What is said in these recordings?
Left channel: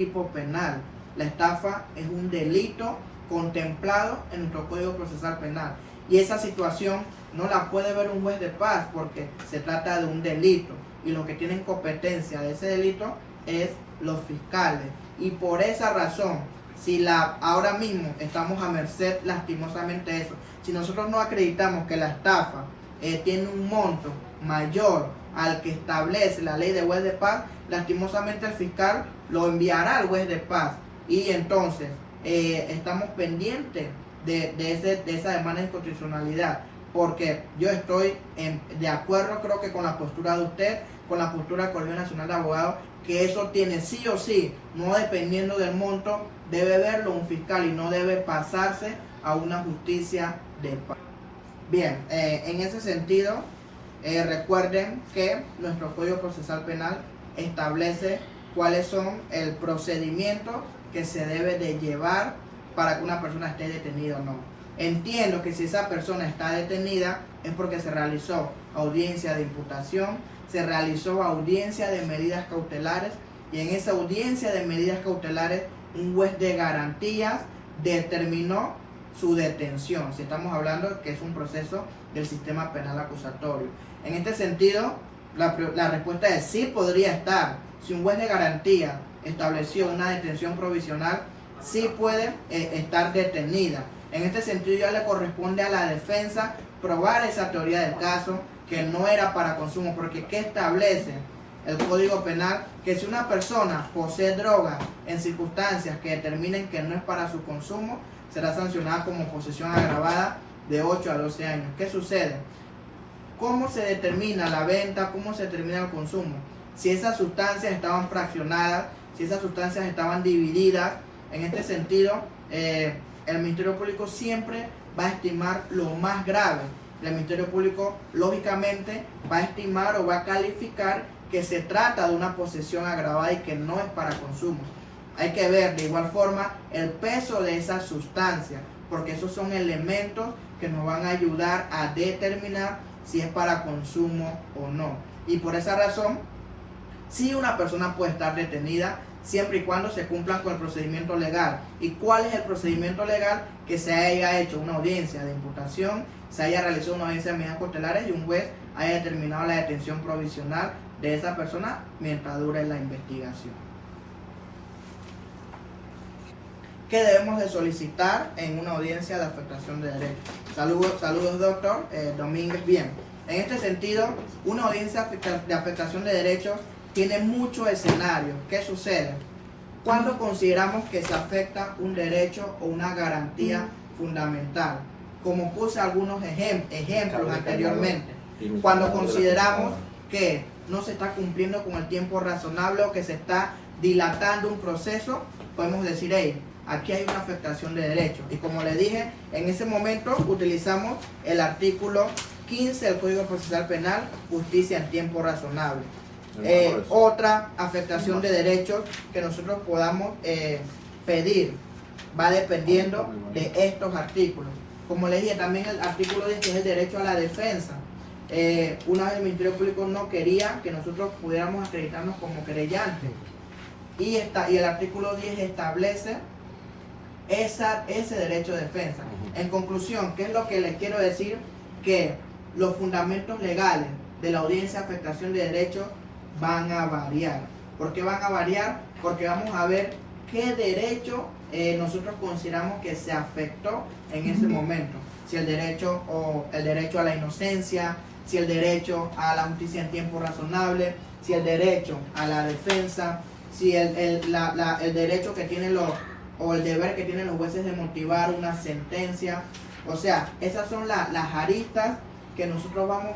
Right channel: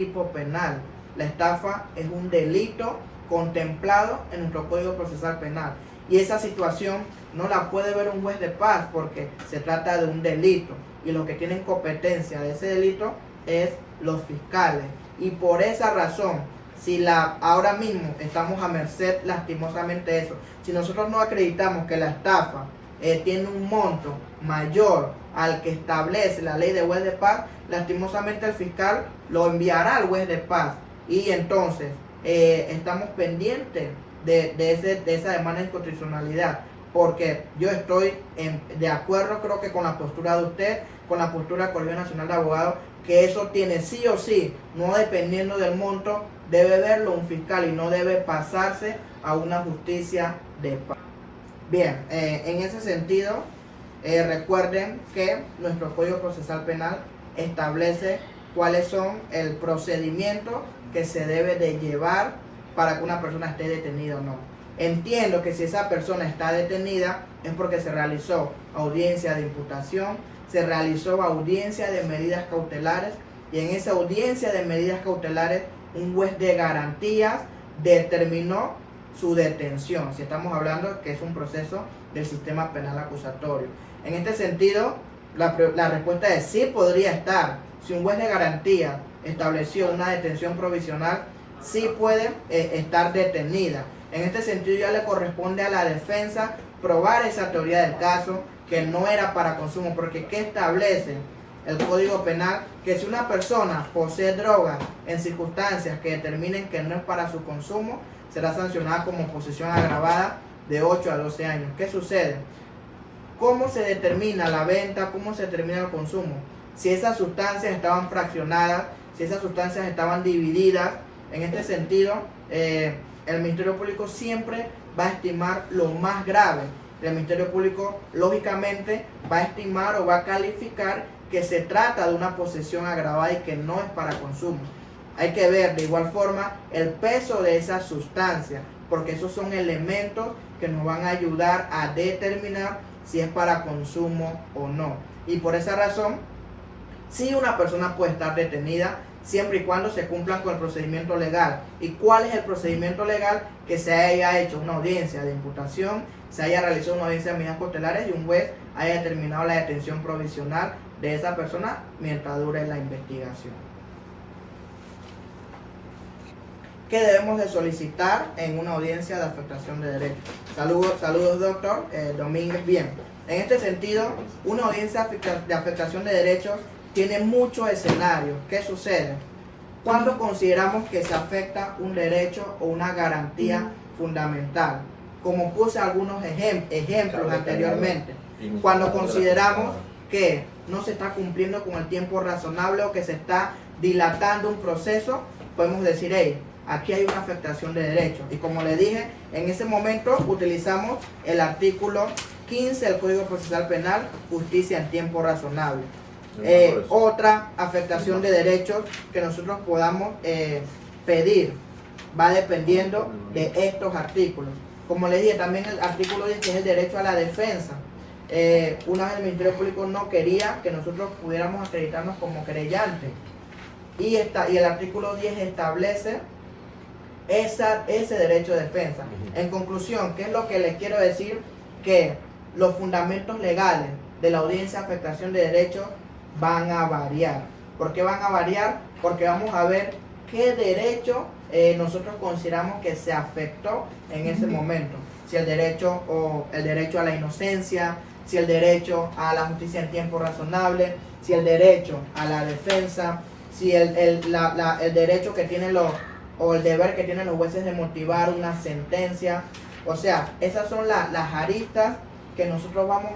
tipo penal. La estafa es un delito contemplado en nuestro Código Procesal Penal. Y esa situación no la puede ver un juez de paz porque se trata de un delito. Y los que tienen competencia de ese delito es los fiscales. Y por esa razón, si ahora mismo estamos a merced lastimosamente de eso, si nosotros no acreditamos que la estafa tiene un monto mayor al que establece la ley de juez de paz, lastimosamente el fiscal lo enviará al juez de paz y entonces estamos pendientes de esa demanda de inconstitucionalidad, porque yo estoy de acuerdo, creo que con la postura de usted, con la postura del Colegio Nacional de Abogados, que eso tiene sí o sí, no dependiendo del monto, debe verlo un fiscal y no debe pasarse a una justicia de paz. Bien, en ese sentido, recuerden que nuestro Código Procesal Penal establece cuáles son el procedimiento que se debe de llevar para que una persona esté detenida o no. Entiendo que si esa persona está detenida es porque se realizó audiencia de imputación, se realizó audiencia de medidas cautelares y en esa audiencia de medidas cautelares un juez de garantías determinó su detención, si estamos hablando que es un proceso del sistema penal acusatorio. En este sentido, la respuesta es sí podría estar. Si un juez de garantía estableció una detención provisional, sí puede estar detenida. En este sentido ya le corresponde a la defensa probar esa teoría del caso, que no era para consumo, porque ¿qué establece el Código Penal? Que si una persona posee droga en circunstancias que determinen que no es para su consumo, será sancionada como posesión agravada de 8 a 12 años. ¿Qué sucede? ¿Cómo se determina la venta? ¿Cómo se determina el consumo? Si esas sustancias estaban fraccionadas, si esas sustancias estaban divididas. En este sentido, el Ministerio Público siempre va a estimar lo más grave. El Ministerio Público, lógicamente, va a estimar o va a calificar que se trata de una posesión agravada y que no es para consumo. Hay que ver de igual forma el peso de esa sustancia, porque esos son elementos que nos van a ayudar a determinar si es para consumo o no. Y por esa razón, sí una persona puede estar detenida siempre y cuando se cumplan con el procedimiento legal. ¿Y cuál es el procedimiento legal? Que se haya hecho una audiencia de imputación, se haya realizado una audiencia de medidas cautelares y un juez haya determinado la detención provisional de esa persona mientras dure la investigación. ¿Qué debemos de solicitar en una audiencia de afectación de derechos? Saludos doctor Domínguez. Bien, en este sentido, una audiencia de afectación de derechos tiene muchos escenarios. ¿Qué sucede? Cuando consideramos que se afecta un derecho o una garantía fundamental, como puse algunos ejemplos anteriormente, cuando consideramos que no se está cumpliendo con el tiempo razonable o que se está dilatando un proceso, podemos decir, hey, aquí hay una afectación de derechos. Y como le dije, en ese momento utilizamos el artículo 15 del Código Procesal Penal, justicia en tiempo razonable. Otra afectación de derechos que nosotros podamos pedir va dependiendo de estos artículos. Como le dije, también el artículo 10, que es el derecho a la defensa. Una vez el Ministerio Público no quería que nosotros pudiéramos acreditarnos como querellantes. Y el artículo 10 establece ese derecho de defensa. En conclusión, ¿qué es lo que les quiero decir? Que los fundamentos legales de la audiencia de afectación de derechos van a variar. ¿Por qué van a variar? Porque vamos a ver qué derecho nosotros consideramos que se afectó en ese momento. Si el derecho a la inocencia, si el derecho a la justicia en tiempo razonable, si el derecho a la defensa, si el derecho que tienen o el deber que tienen los jueces de motivar una sentencia. O sea, esas son las aristas que nosotros vamos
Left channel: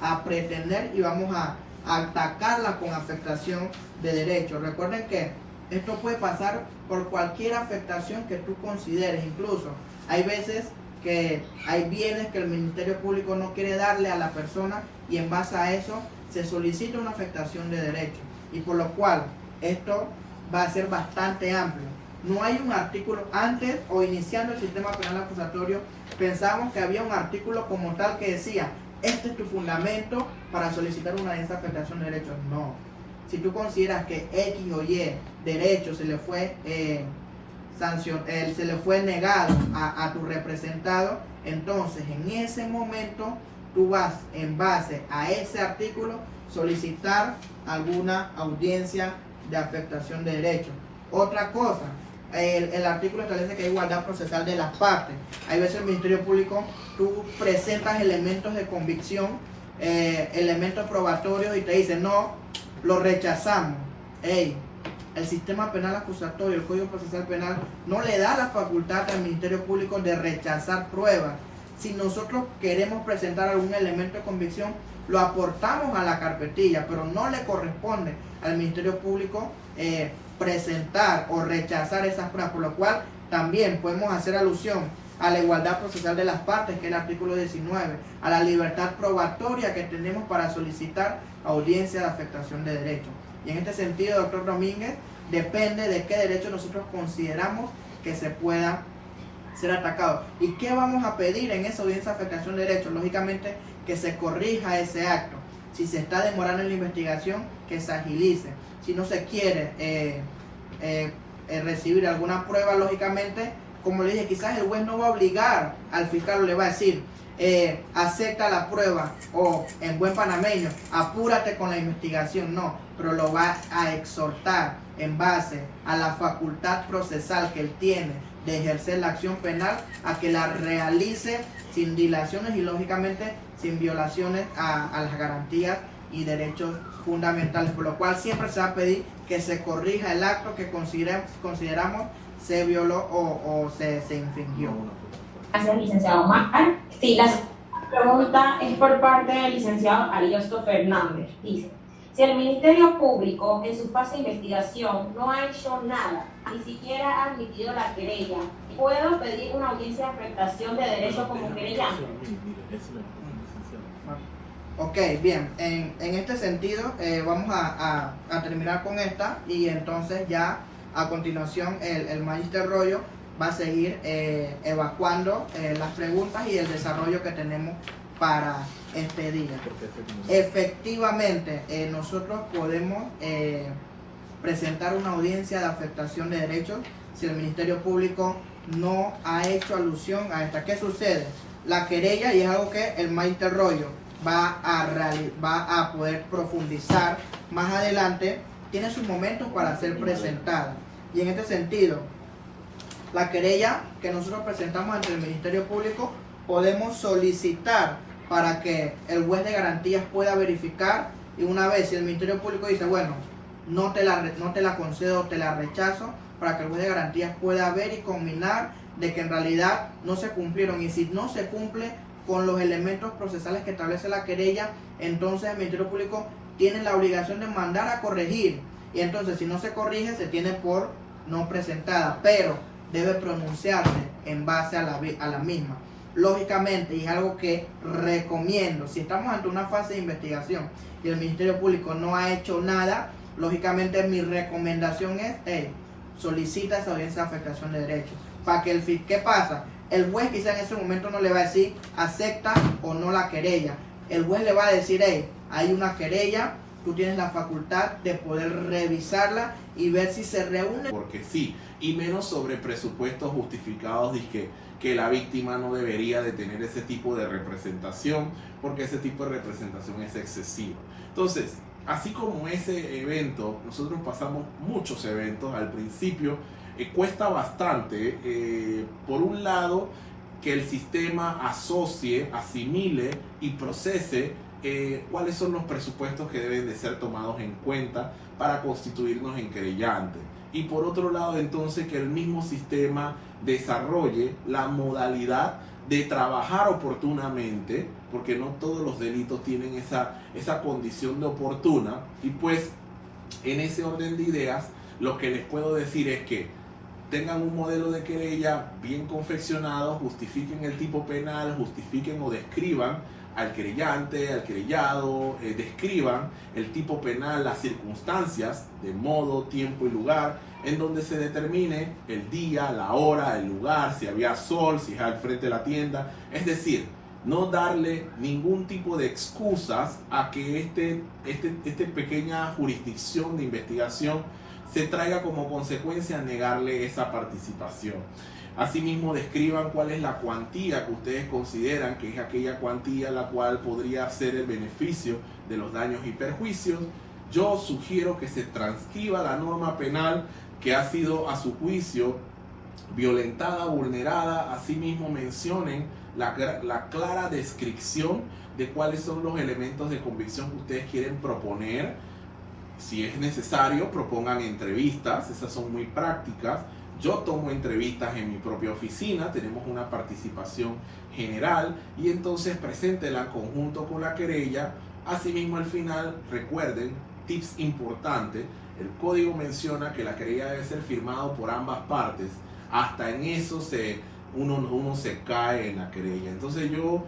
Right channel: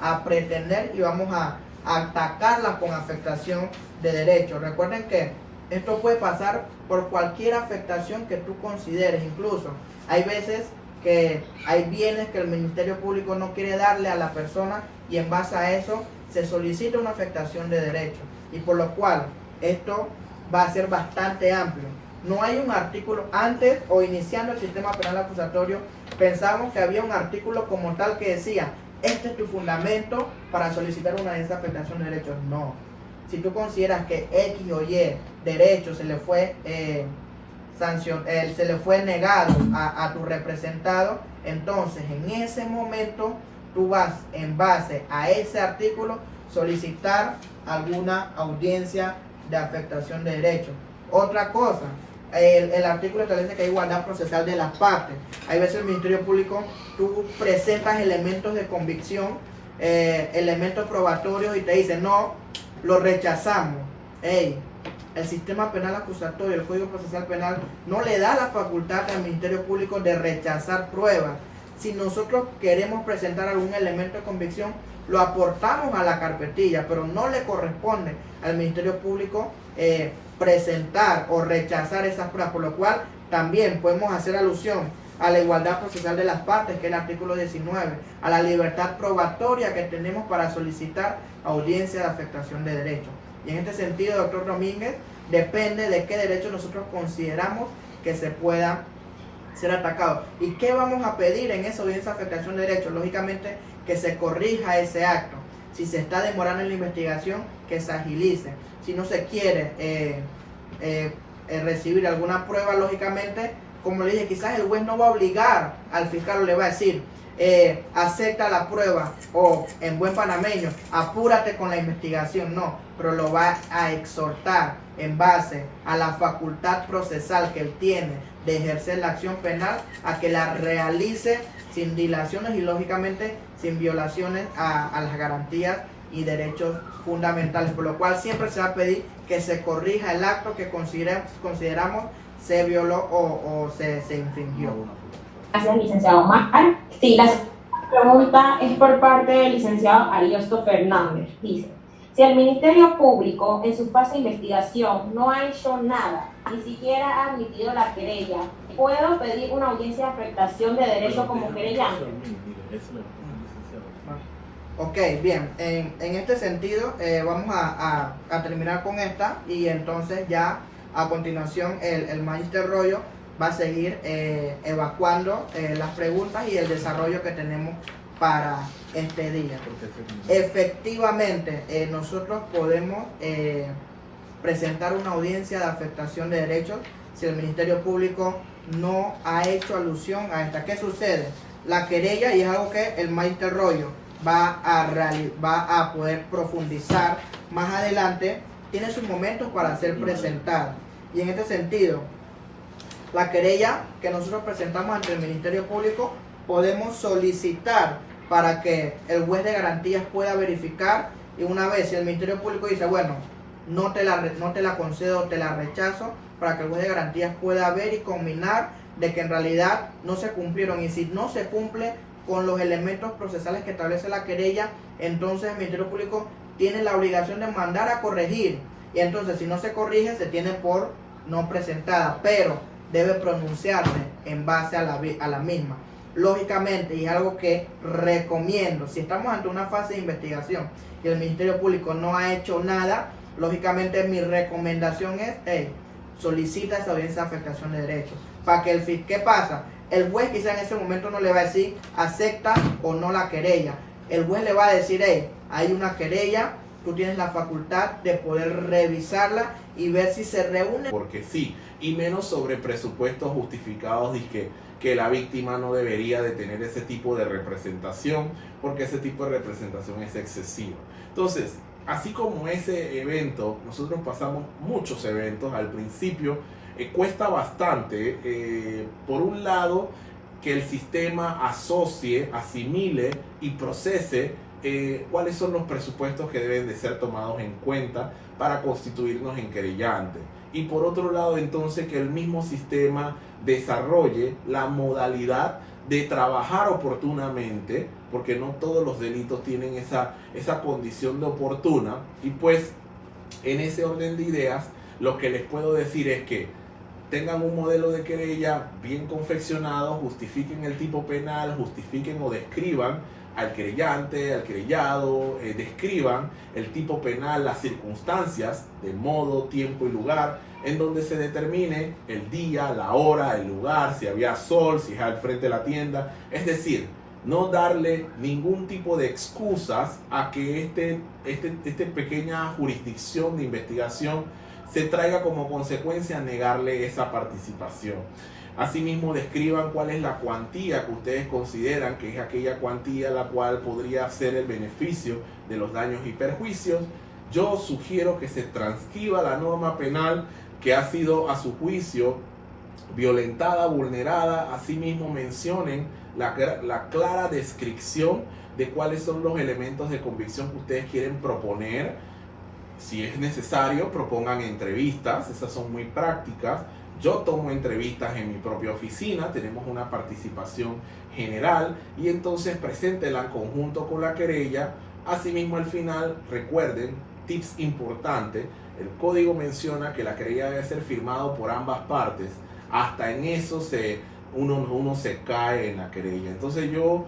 a pretender y vamos a atacarla con afectación de derechos. Recuerden que esto puede pasar por cualquier afectación que tú consideres. Incluso hay veces que hay bienes que el Ministerio Público no quiere darle a la persona y en base a eso se solicita una afectación de derechos, y por lo cual esto va a ser bastante amplio. No hay un artículo, antes o iniciando el sistema penal acusatorio, pensábamos que había un artículo como tal que decía, este es tu fundamento para solicitar una desafectación de derechos. No. si tú consideras que X o Y derecho se le fue se le fue negado a tu representado, entonces en ese momento tú vas, en base a ese artículo, solicitar alguna audiencia de afectación de derechos. Otra cosa, el artículo establece que hay igualdad procesal de las partes. Hay veces el Ministerio Público, tú presentas elementos de convicción, elementos probatorios, y te dicen, no, lo rechazamos. El sistema penal acusatorio, el Código Procesal Penal, no le da la facultad al Ministerio Público de rechazar pruebas. Si nosotros queremos presentar algún elemento de convicción, lo aportamos a la carpetilla, pero no le corresponde al Ministerio Público presentar o rechazar esas pruebas, por lo cual también podemos hacer alusión a la igualdad procesal de las partes, que es el artículo 19, a la libertad probatoria que tenemos para solicitar audiencia de afectación de derechos. Y en este sentido, doctor Domínguez, depende de qué derecho nosotros consideramos que se pueda ser atacado. ¿Y qué vamos a pedir en esa audiencia de afectación de derechos? Lógicamente, que se corrija ese acto. Si se está demorando en la investigación, que se agilice. Si no se quiere recibir alguna prueba, lógicamente, como le dije, quizás el juez no va a obligar al fiscal, o le va a decir, acepta la prueba, o en buen panameño, apúrate con la investigación, no, pero lo va a exhortar en base a la facultad procesal que él tiene de ejercer la acción penal, a que la realice sin dilaciones y lógicamente sin violaciones a las garantías y derechos fundamentales, por lo cual siempre se va a pedir que se corrija el acto que consideramos se violó o se infringió. Gracias, licenciado Omar. Sí, la pregunta es por parte del licenciado Ariosto Fernández. Dice, si el Ministerio Público en su fase de investigación no ha hecho nada, ni siquiera ha admitido la querella, ¿puedo pedir una audiencia de afectación de derecho como querellante? Ok, bien, en este sentido vamos a terminar con esta, y entonces ya a continuación el Magister Royo va a seguir evacuando las preguntas y el desarrollo que tenemos para este día. Efectivamente, nosotros podemos presentar una audiencia de afectación de derechos si el Ministerio Público no ha hecho alusión a esta. ¿Qué sucede? La querella, y es algo que el Magister Royo va a poder profundizar más adelante, tiene sus momentos para ser presentada. Y en este sentido, la querella que nosotros presentamos ante el Ministerio Público, podemos solicitar para que el juez de garantías pueda verificar, y una vez si el Ministerio Público dice, bueno, no te la concedo, te la rechazo, para que el juez de garantías pueda ver y combinar de que en realidad no se cumplieron, y si no se cumple con los elementos procesales que establece la querella, entonces el Ministerio Público tiene la obligación de mandar a corregir, y entonces si no se corrige se tiene por no presentada, pero debe pronunciarse en base a la misma. Lógicamente, y es algo que recomiendo, si estamos ante una fase de investigación y el Ministerio Público no ha hecho nada, lógicamente mi recomendación es, solicita esa audiencia de afectación de derechos, para que ¿qué pasa? El juez quizá en ese momento no le va a decir acepta o no la querella, el juez le va a decir, hay una querella, tú tienes la facultad de poder revisarla y ver si se reúne. Porque sí, y menos sobre presupuestos justificados, que la víctima no debería de tener ese tipo de representación, porque ese tipo de representación es excesiva. Entonces, así como ese evento, nosotros pasamos muchos eventos al principio, cuesta bastante, por un lado, que el sistema asocie, asimile y procese cuáles son los presupuestos que deben de ser tomados en cuenta para constituirnos en querellante. Y por otro lado, entonces, que el mismo sistema desarrolle la modalidad de trabajar oportunamente, porque no todos los delitos tienen esa condición de oportuna. Y pues, en ese orden de ideas, lo que les puedo decir es que tengan un modelo de querella bien confeccionado, justifiquen el tipo penal, justifiquen o describan al querellante, al querellado, describan el tipo penal, las circunstancias de modo, tiempo y lugar, en donde se determine el día, la hora, el lugar, si había sol, si es al frente de la tienda. Es decir, no darle ningún tipo de excusas a que esta pequeña jurisdicción de investigación se traiga como consecuencia negarle esa participación. Asimismo, describan cuál es la cuantía que ustedes consideran que es aquella cuantía la cual podría ser el beneficio de los daños y perjuicios. Yo sugiero que se transcriba la norma penal que ha sido a su juicio violentada, vulnerada. Asimismo, mencionen la clara descripción de cuáles son los elementos de convicción que ustedes quieren proponer. Si es necesario, propongan entrevistas, esas son muy prácticas. Yo tomo entrevistas en mi propia oficina, tenemos una participación general y entonces preséntela en conjunto con la querella. Asimismo, al final, recuerden, tips importantes, el código menciona que la querella debe ser firmado por ambas partes. Hasta en eso uno se cae en la querella. Entonces yo,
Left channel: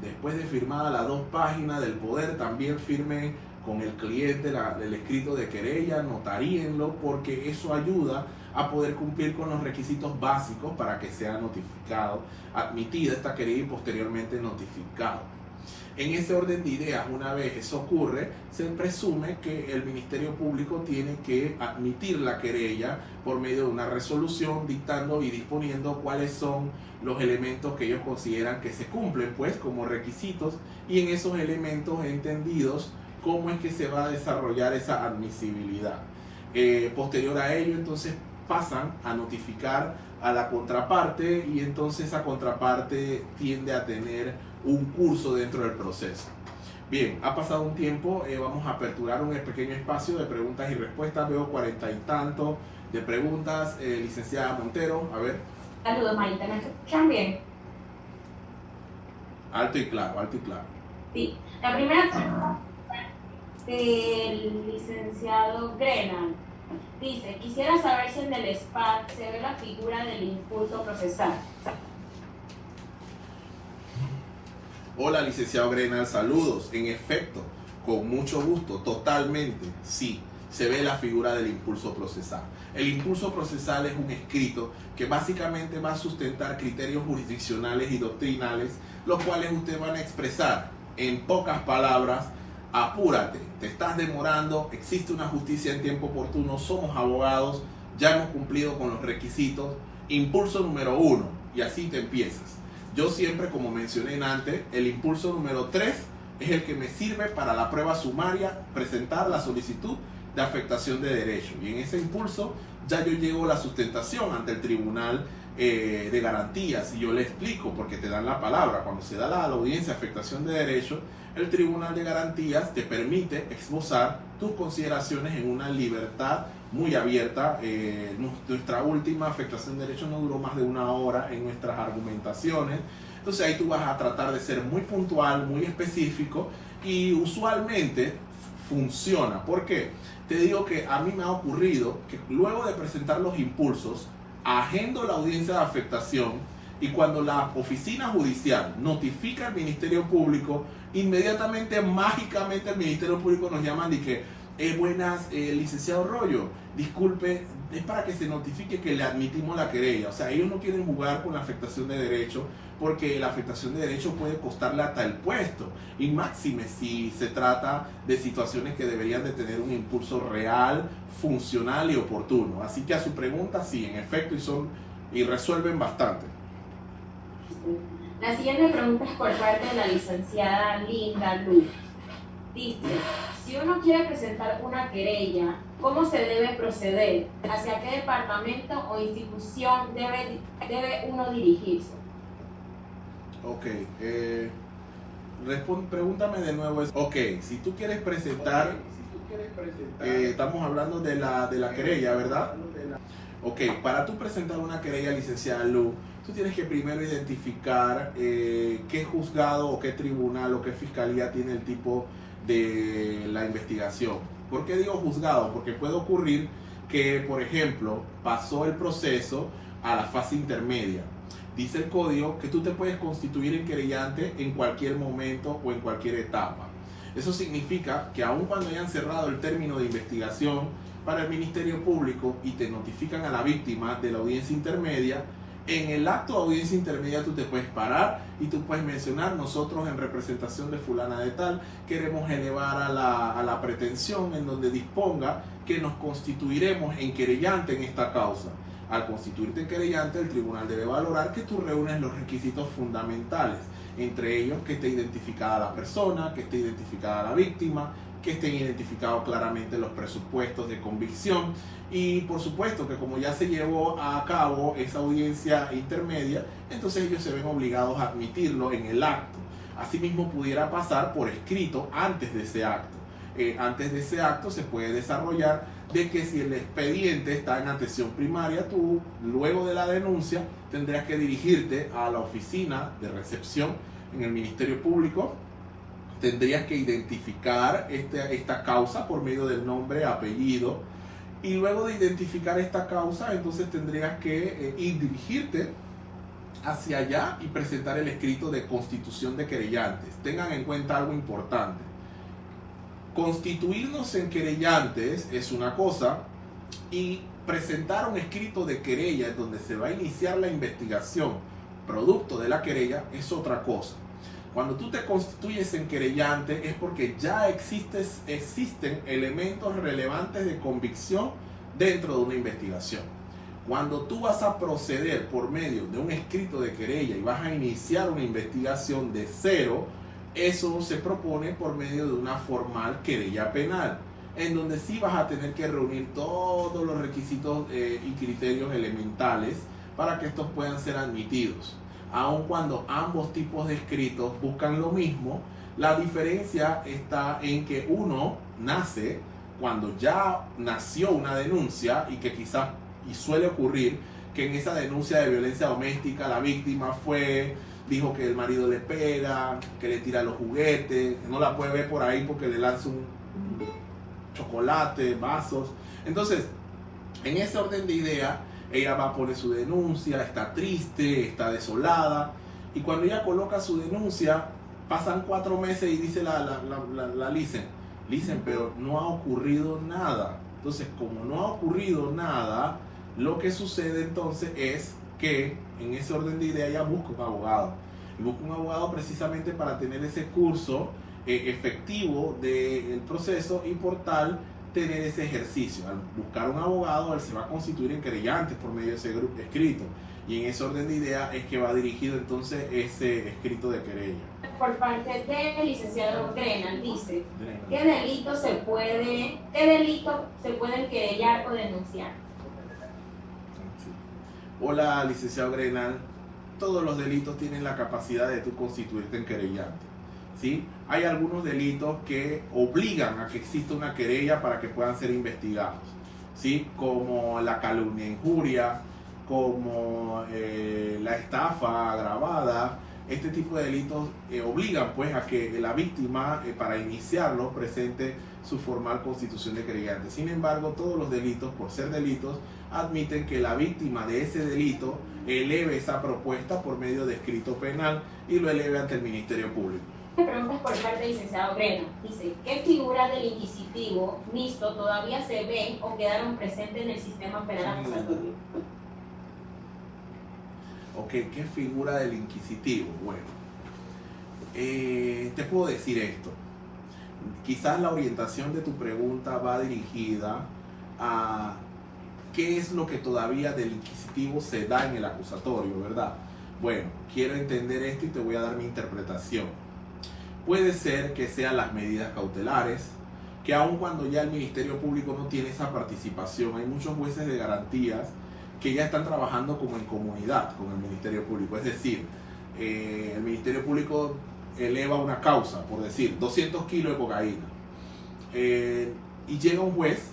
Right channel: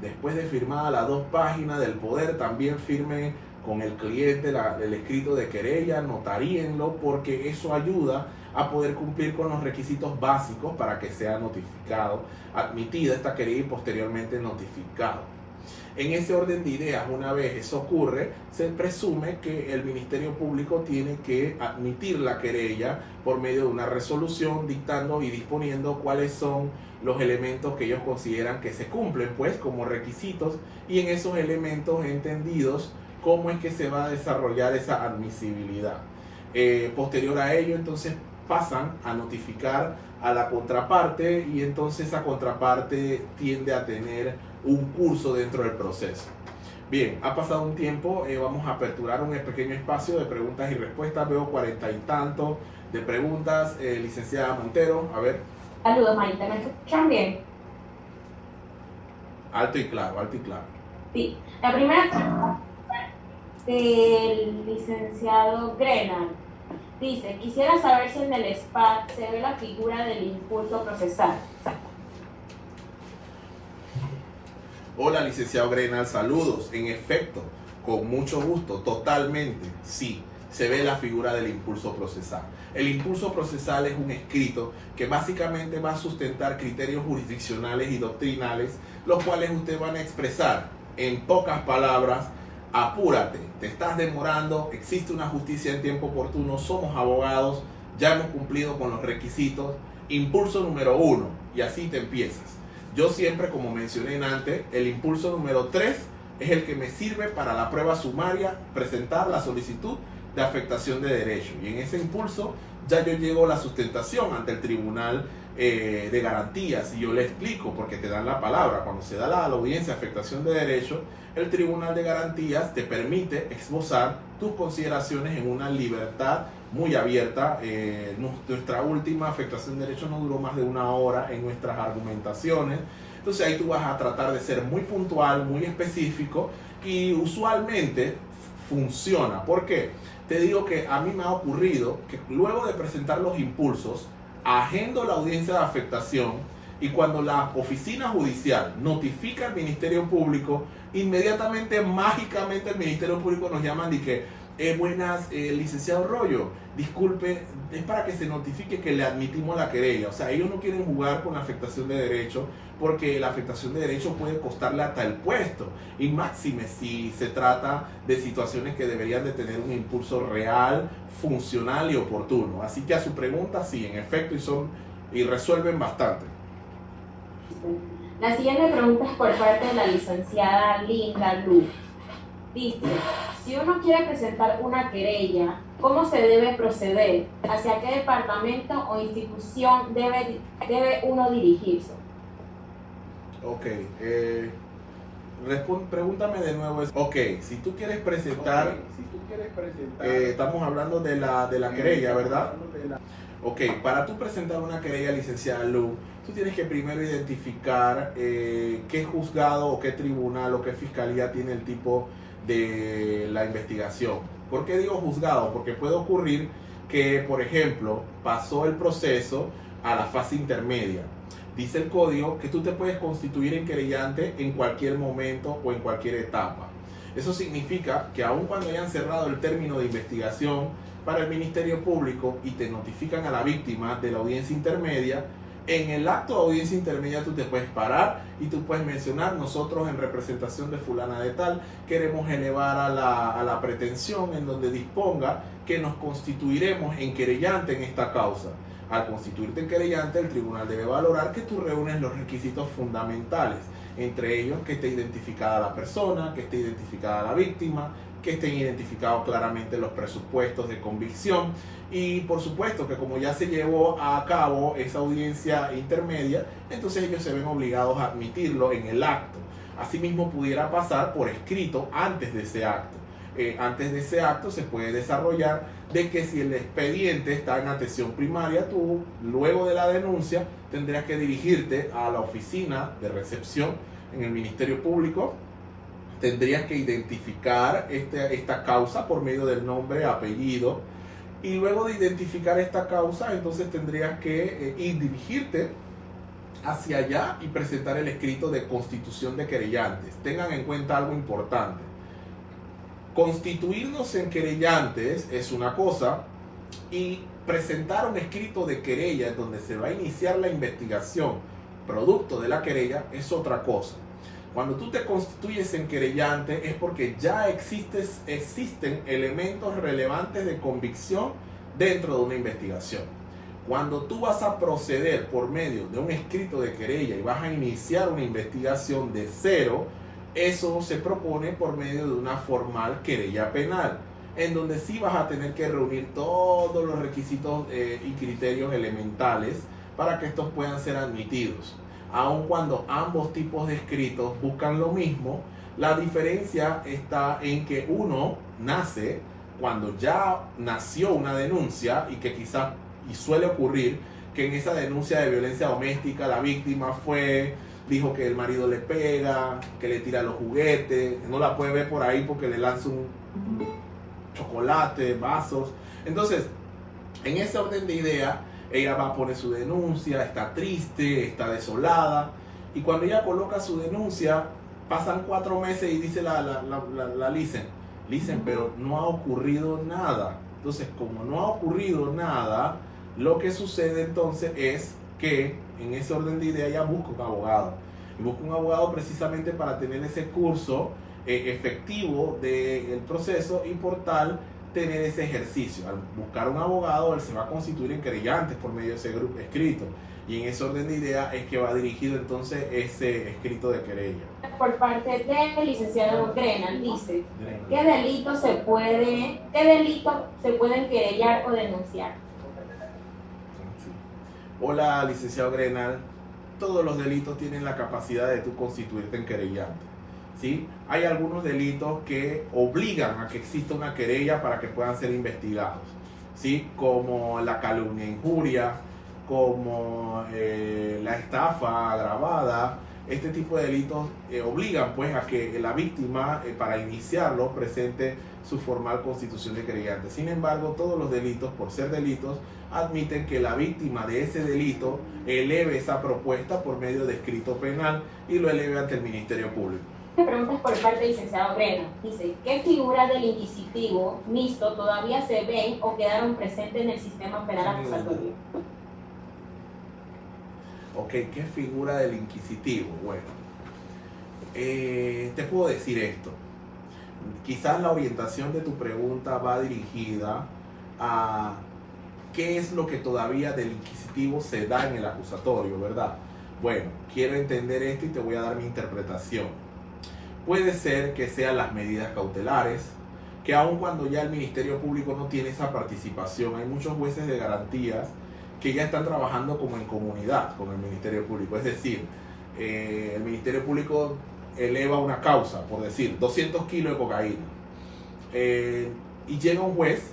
después de firmada las 2 páginas del poder, también firme con el cliente el escrito de querella, notaríenlo, porque eso ayuda a poder cumplir con los requisitos básicos para que sea notificado, admitida esta querella y posteriormente notificado. En ese orden de ideas, una vez eso ocurre, se presume que el Ministerio Público tiene que admitir la querella por medio de una resolución dictando y disponiendo cuáles son los elementos que ellos consideran que se cumplen pues como requisitos, y en esos elementos entendidos cómo es que se va a desarrollar esa admisibilidad. Posterior a ello, entonces pasan a notificar a la contraparte y entonces esa contraparte tiende a tener un curso dentro del proceso. Bien, ha pasado un tiempo, vamos a aperturar un pequeño espacio de preguntas y respuestas. Veo 40 y tanto de preguntas. Licenciada Montero, a ver. Saludos, Maite, ¿me escuchan bien? Alto y claro, alto y claro. Sí, la primera del licenciado Grenal dice: quisiera saber si en el SPAC se ve la figura del impulso procesal. Hola, licenciado Grenal, saludos. En efecto, con mucho gusto, totalmente, sí, se ve la figura del impulso procesal. El impulso procesal es un escrito que básicamente va a sustentar criterios jurisdiccionales y doctrinales, los cuales ustedes van a expresar en pocas palabras: apúrate, te estás demorando, existe una justicia en tiempo oportuno, somos abogados, ya hemos cumplido con los requisitos, impulso número 1, y así te empiezas. Yo siempre, como mencioné antes, el impulso número 3 es el que me sirve para la prueba sumaria, presentar la solicitud de afectación de derecho, y en ese impulso ya yo llevo la sustentación ante el tribunal de garantías, y yo le explico, porque te dan la palabra, cuando se da la audiencia de afectación de derecho, el tribunal de garantías te permite esbozar tus consideraciones en una libertad muy abierta. Nuestra última afectación de derecho no duró más de 1 hora en nuestras argumentaciones. Entonces ahí tú vas a tratar de ser muy puntual, muy específico, y usualmente funciona. ¿Por qué? Te digo que a mí me ha ocurrido que luego de presentar los impulsos, agendo la audiencia de afectación, y cuando la oficina judicial notifica al Ministerio Público, inmediatamente, mágicamente, el Ministerio Público nos llaman y que buenas, licenciado Rollo, disculpe, es para que se notifique que le admitimos la querella. O sea, ellos no quieren jugar con la afectación de derecho, porque la afectación de derecho puede costarle hasta el puesto, y máxime si se trata de situaciones que deberían de tener un impulso real, funcional y oportuno. Así que a su pregunta, sí, en efecto, y resuelven bastante. La siguiente pregunta es por parte de la licenciada Linda Luz. Dice: si uno quiere presentar una querella, ¿cómo se debe proceder? ¿Hacia qué departamento o institución debe uno dirigirse? Ok, pregúntame de nuevo. Ok, si tú quieres presentar, estamos hablando de la querella, ¿verdad? Ok, para tú presentar una querella, licenciada Lu, tú tienes que primero identificar qué juzgado o qué tribunal o qué fiscalía tiene el tipo de la investigación. ¿Por qué digo juzgado? Porque puede ocurrir que, por ejemplo, pasó el proceso a la fase intermedia. Dice el código que tú te puedes constituir en querellante en cualquier momento o en cualquier etapa. Eso significa que aun cuando hayan cerrado el término de investigación para el Ministerio Público y te notifican a la víctima de la audiencia intermedia, En el acto de audiencia intermedia tú te puedes parar y tú puedes mencionar: nosotros en representación de fulana de tal queremos elevar a la pretensión en donde disponga que nos constituiremos en querellante en esta causa. Al constituirte en querellante, el tribunal debe valorar que tú reúnes los requisitos fundamentales, entre ellos que esté identificada la persona, que esté identificada la víctima, que estén identificados claramente los presupuestos de convicción, y por supuesto que como ya se llevó a cabo esa audiencia intermedia, entonces ellos se ven obligados a admitirlo en el acto. Asimismo pudiera pasar por escrito antes de ese acto. Antes de ese acto se puede desarrollar de que si el expediente está en atención primaria, tú luego de la denuncia tendrías que dirigirte a la oficina de recepción en el Ministerio Público. Tendrías que identificar esta causa por medio del nombre, apellido, y luego de identificar esta causa, entonces tendrías que dirigirte hacia allá y presentar el escrito de constitución de querellantes. Tengan en cuenta algo importante: constituirnos en querellantes es una cosa, y presentar un escrito de querella en donde se va a iniciar la investigación producto de la querella es otra cosa. Cuando tú te constituyes en querellante es porque ya existen elementos relevantes de convicción dentro de una investigación. Cuando tú vas a proceder por medio de un escrito de querella y vas a iniciar una investigación de cero, eso se propone por medio de una formal querella penal, en donde sí vas a tener que reunir todos los requisitos y criterios elementales para que estos puedan ser admitidos. Aun cuando ambos tipos de escritos buscan lo mismo, la diferencia está en que uno nace cuando ya nació una denuncia, y que quizás, y suele ocurrir, que en esa denuncia de violencia doméstica la víctima dijo que el marido le pega, que le tira los juguetes, no la puede ver por ahí porque le lanza un chocolate, vasos. Entonces, en ese orden de idea, ella va a poner su denuncia, está triste, está desolada, y cuando ella coloca su denuncia, pasan 4 meses y dice la Licen, pero no ha ocurrido nada. Entonces, como no ha ocurrido nada, lo que sucede entonces es que en ese orden de idea ella busca un abogado, y busca un abogado precisamente para tener ese curso efectivo del proceso, y por tal tener ese ejercicio. Al buscar un abogado, él se va a constituir en querellante por medio de ese grupo escrito, y en ese orden de idea es que va dirigido entonces ese escrito de querella. Por parte del licenciado Grenal dice: ¿qué delitos se pueden querellar o denunciar? Sí. Hola, licenciado Grenal. Todos los delitos tienen la capacidad de tú constituirte en querellante, ¿sí? Hay algunos delitos que obligan a que exista una querella para que puedan ser investigados, ¿sí? Como la calumnia e injuria, como la estafa agravada. Este tipo de delitos obligan pues a que la víctima, para iniciarlo, presente su formal constitución de querellante. Sin embargo, todos los delitos, por ser delitos, admiten que la víctima de ese delito eleve esa propuesta por medio de escrito penal y lo eleve ante el Ministerio Público. Preguntas por parte del licenciado Grenal. Dice: ¿qué figuras del inquisitivo mixto todavía se ven o quedaron presentes en el sistema penal acusatorio? Ok, ¿qué figura del inquisitivo? Bueno, te puedo decir esto. Quizás la orientación de tu pregunta va dirigida a qué es lo que todavía del inquisitivo se da en el acusatorio, ¿verdad? Bueno, quiero entender esto y te voy a dar mi interpretación. Puede ser que sean las medidas cautelares, que aun cuando ya el Ministerio Público no tiene esa participación, hay muchos jueces de garantías que ya están trabajando como en comunidad con el Ministerio Público. Es decir, el Ministerio Público eleva una causa, por decir, 200 kilos de cocaína, y llega un juez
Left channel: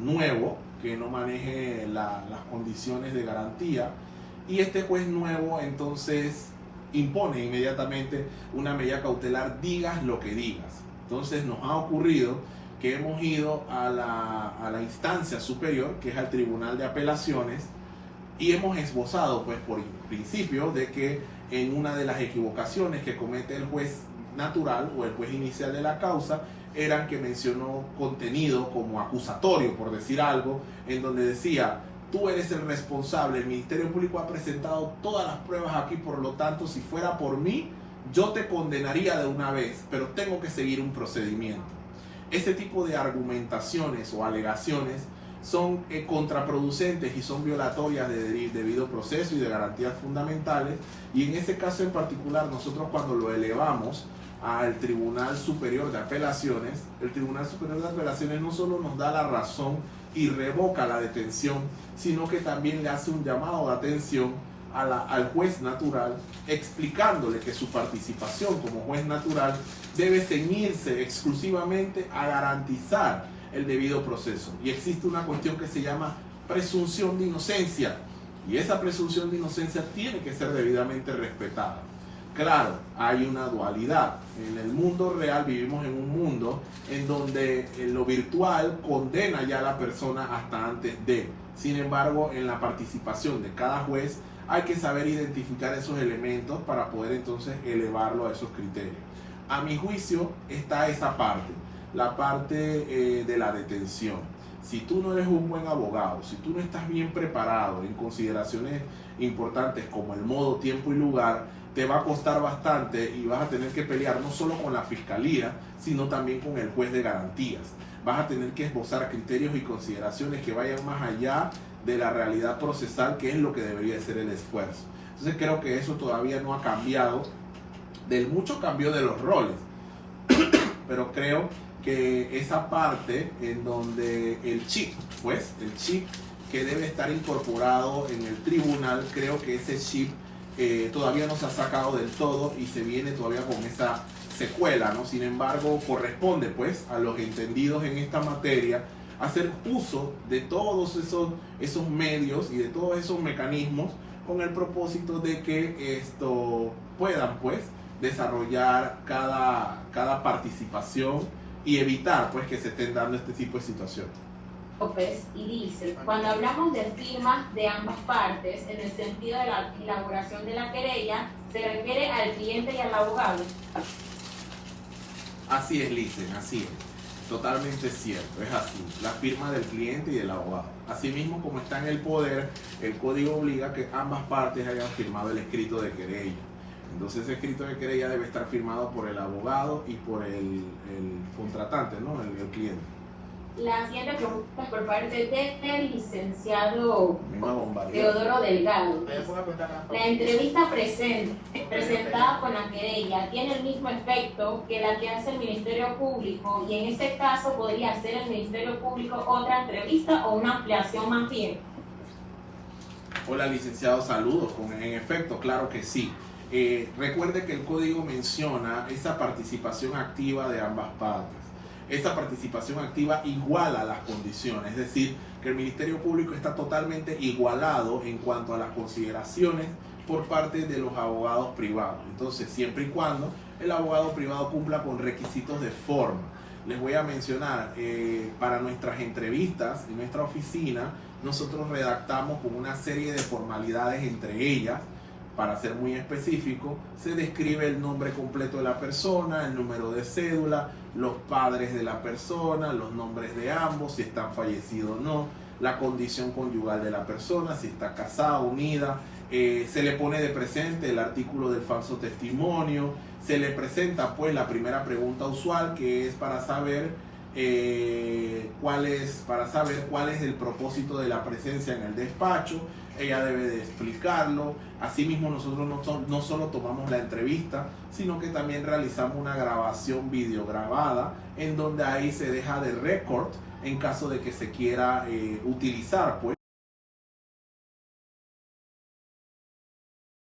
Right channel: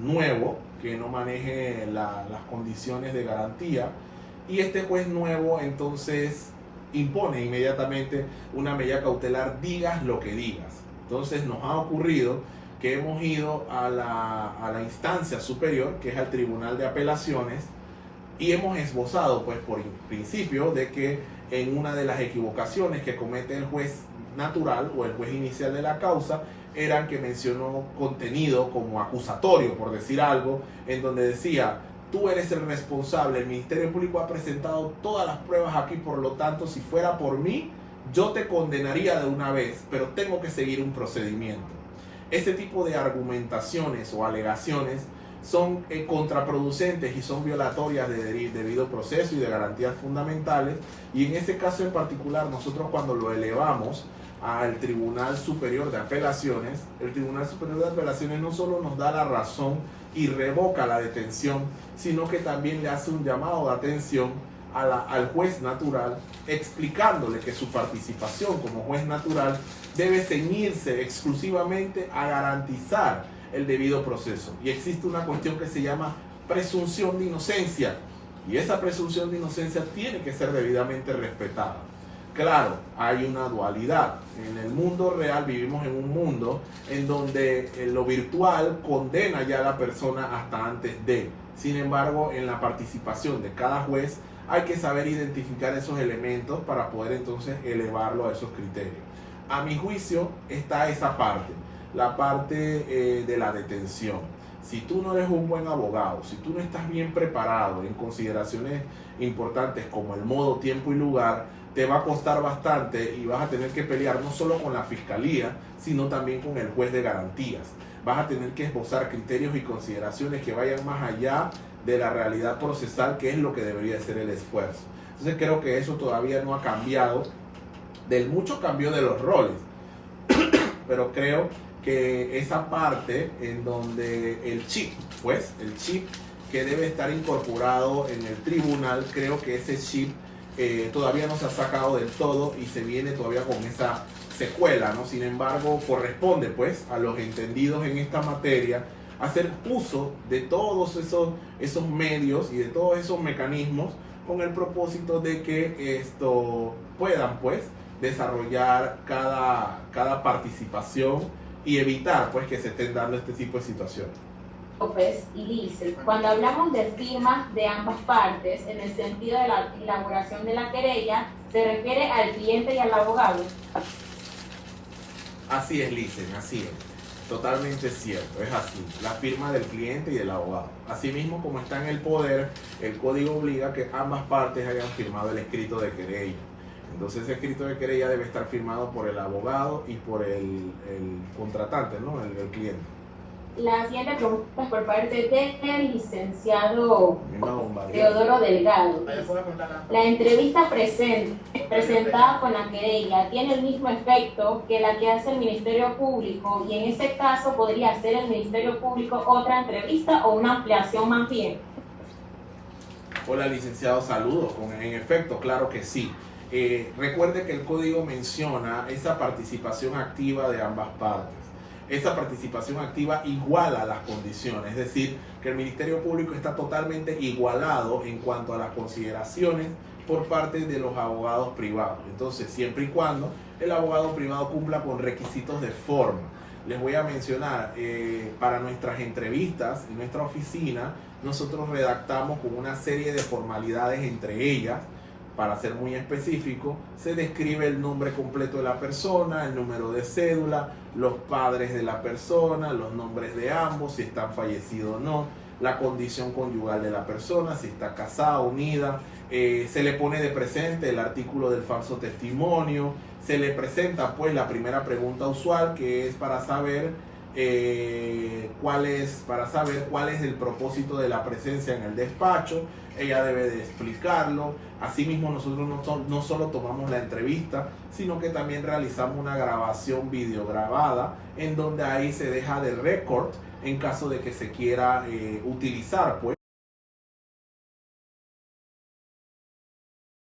nuevo que no maneje las condiciones de garantía, y este juez nuevo entonces impone inmediatamente una medida cautelar, digas lo que digas. Entonces nos ha ocurrido que hemos ido a la instancia superior, que es al Tribunal de Apelaciones, y hemos esbozado pues por principio de que en una de las equivocaciones que comete el juez natural o el juez inicial de la causa eran que mencionó contenido como acusatorio, por decir algo, en donde decía: tú eres el responsable, el Ministerio Público ha presentado todas las pruebas aquí, por lo tanto, si fuera por mí, yo te condenaría de una vez, pero tengo que seguir un procedimiento. Ese tipo de argumentaciones o alegaciones son contraproducentes y son violatorias de debido proceso y de garantías fundamentales, y en ese caso en particular nosotros cuando lo elevamos al Tribunal Superior de Apelaciones, el Tribunal Superior de Apelaciones no solo nos da la razón y revoca la detención, sino que también le hace un llamado de atención al juez natural, explicándole que su participación como juez natural debe ceñirse exclusivamente a garantizar el debido proceso. Y existe una cuestión que se llama presunción de inocencia, y esa presunción de inocencia tiene que ser debidamente respetada. Claro, hay una dualidad. En el mundo real vivimos en un mundo en donde lo virtual condena ya a la persona hasta antes de. Sin embargo, en la participación de cada juez hay que saber identificar esos elementos para poder entonces elevarlo a esos criterios. A mi juicio está esa parte, la parte de la detención. Si tú no eres un buen abogado, si tú no estás bien preparado en consideraciones importantes como el modo, tiempo y lugar, te va a costar bastante y vas a tener que pelear no solo con la fiscalía, sino también con el juez de garantías. Vas a tener que esbozar criterios y consideraciones que vayan más allá de la realidad procesal, que es lo que debería ser el esfuerzo. Entonces creo que eso todavía no ha cambiado, del mucho cambio de los roles, pero creo que esa parte en donde el chip que debe estar incorporado en el tribunal, creo que ese chip todavía no se ha sacado del todo y se viene todavía con esa secuela, ¿no? Sin embargo, corresponde pues a los entendidos en esta materia hacer uso de todos esos medios y de todos esos mecanismos con el propósito de que esto puedan pues desarrollar cada participación y evitar pues que se estén dando este tipo de situaciones. López y dice, cuando hablamos de firmas de ambas partes, en el sentido de la elaboración de la querella, se refiere al cliente y al abogado. Así es, Licen, así es. Totalmente cierto, es así. La firma del cliente y del abogado. Asimismo, como está en el poder, el código obliga que ambas partes hayan firmado el escrito de querella. Entonces ese escrito de querella debe estar firmado por el abogado y por el contratante, ¿no? El cliente. La siguiente pregunta es por parte del licenciado Teodoro Delgado. La entrevista presentada con la querella tiene el mismo efecto que la que hace el Ministerio Público, y en ese caso podría hacer el Ministerio Público otra entrevista o una ampliación más bien. Hola, licenciado, saludos. En efecto, claro que sí. Recuerde que el código menciona esa participación activa de ambas partes. Esa participación activa iguala las condiciones, es decir, que el Ministerio Público está totalmente igualado en cuanto a las consideraciones por parte de los abogados privados. Entonces, siempre y cuando el abogado privado cumpla con requisitos de forma. Les voy a mencionar, para nuestras entrevistas en nuestra oficina, nosotros redactamos con una serie de formalidades, entre ellas, para ser muy específico, se describe el nombre completo de la persona, el número de cédula, los padres de la persona, los nombres de ambos, si están fallecidos o no, la condición conyugal de la persona, si está casada, unida, se le pone de presente el artículo del falso testimonio, se le presenta pues la primera pregunta usual, que es para saber cuál es el propósito de la presencia en el despacho. Ella debe de explicarlo. Asimismo, nosotros no solo tomamos la entrevista, sino que también realizamos una grabación videograbada en donde ahí se deja de récord en caso de que se quiera utilizar pues